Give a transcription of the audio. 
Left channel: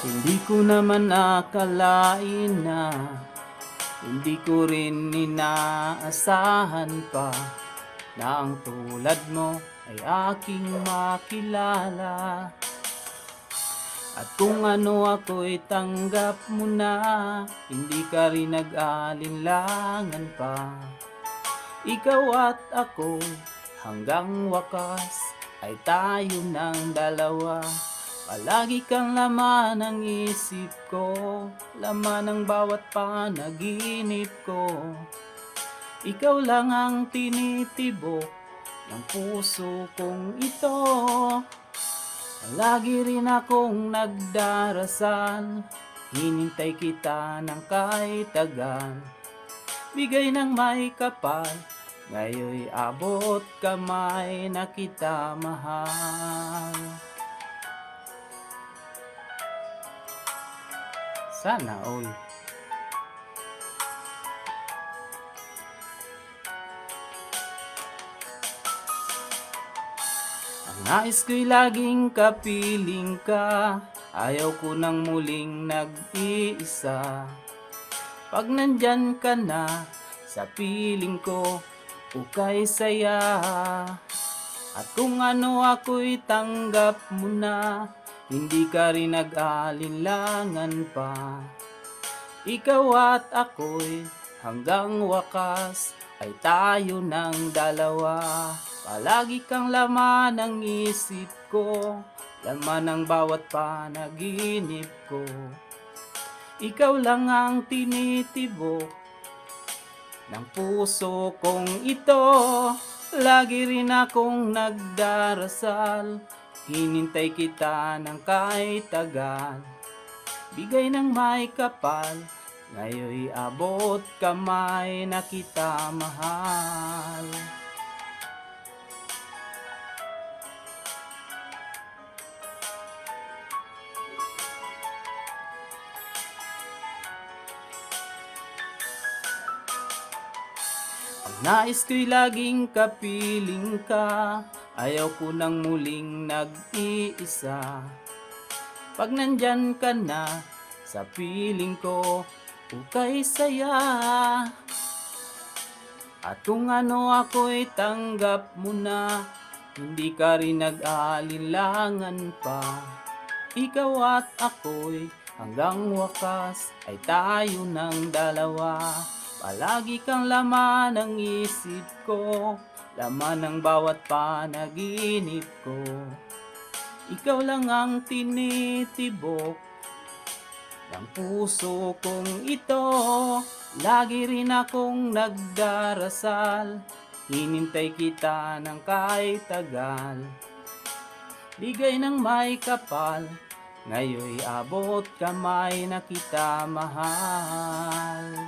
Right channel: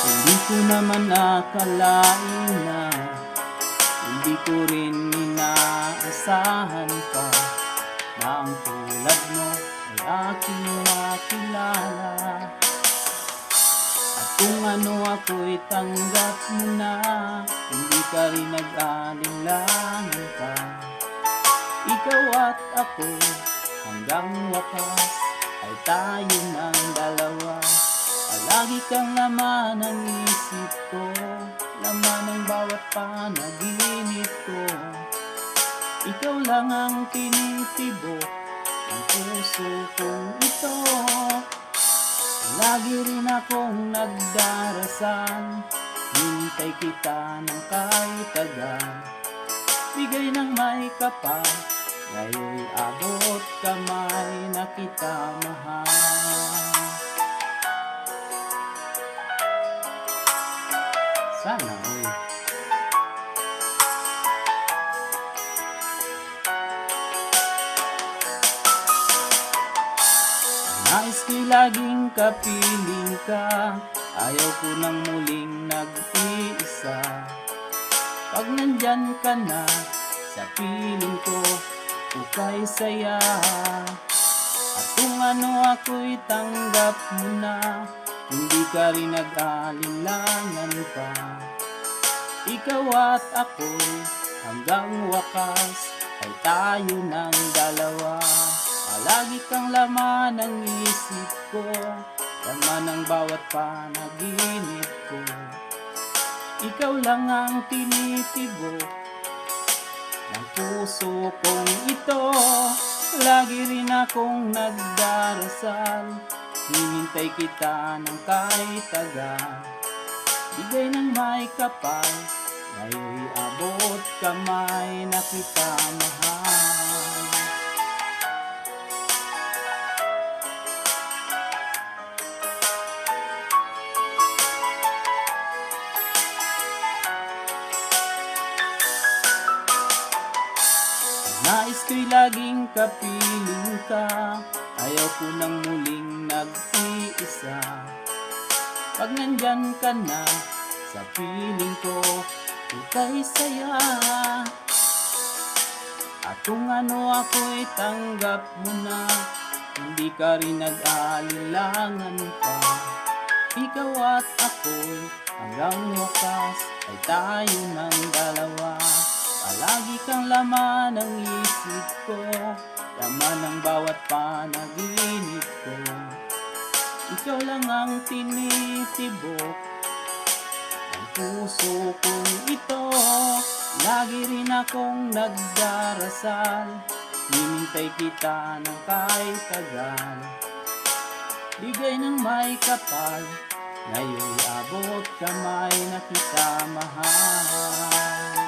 Hindi ko naman akalain na hindi ko rin inaasahan pa na ang tulad mo ay aking makilala. At kung ano ako'y tanggap mo na, hindi ka rin nag-alinlangan pa. Ikaw at ako hanggang wakas ay tayo ng dalawa. Palagi kang laman ng isip ko, laman ng bawat panaginip ko. Ikaw lang ang tinitibok ng puso kong ito. Lagi rin akong nagdarasal, hinintay kita ng kahit tagal. Bigay ng may kapal, ngayon'y abot kamay na kita mahal. Sana all. Nais ko'y laging kapiling ka, ayaw ko nang muling nag-iisa. Pag nandyan ka na sa piling ko, ukay saya. At kung ano ako'y tanggap mo na, hindi ka rin nag-alinlangan pa. Ikaw at ako'y hanggang wakas ay tayo ng dalawa. Palagi kang laman ng isip ko, laman ng bawat panaginip ko. Ikaw lang ang tinitibok ng puso kong ito. Lagi rin akong nagdarasal, hinintay kita ng kahit tagal. Bigay ng may kapal, ngayon'y abot kamay na kita mahal. Nais ko'y laging kapiling ka, ayaw ko nang muling nag-iisa. Pag nandyan ka na sa piling ko, ukay saya. At kung ano ako'y tanggap mo na, hindi ka rin nag-alinlangan pa. Ikaw at ako'y hanggang wakas ay tayo ng dalawa. Palagi kang laman ng isip ko, laman ng bawat panaginip ko. Ikaw lang ang tinitibok ng puso kong ito. Lagi rin akong nagdarasal, hinintay kita ng kahit tagal. Bigay ng may kapal, ngayon'y abot kamay na kita mahal.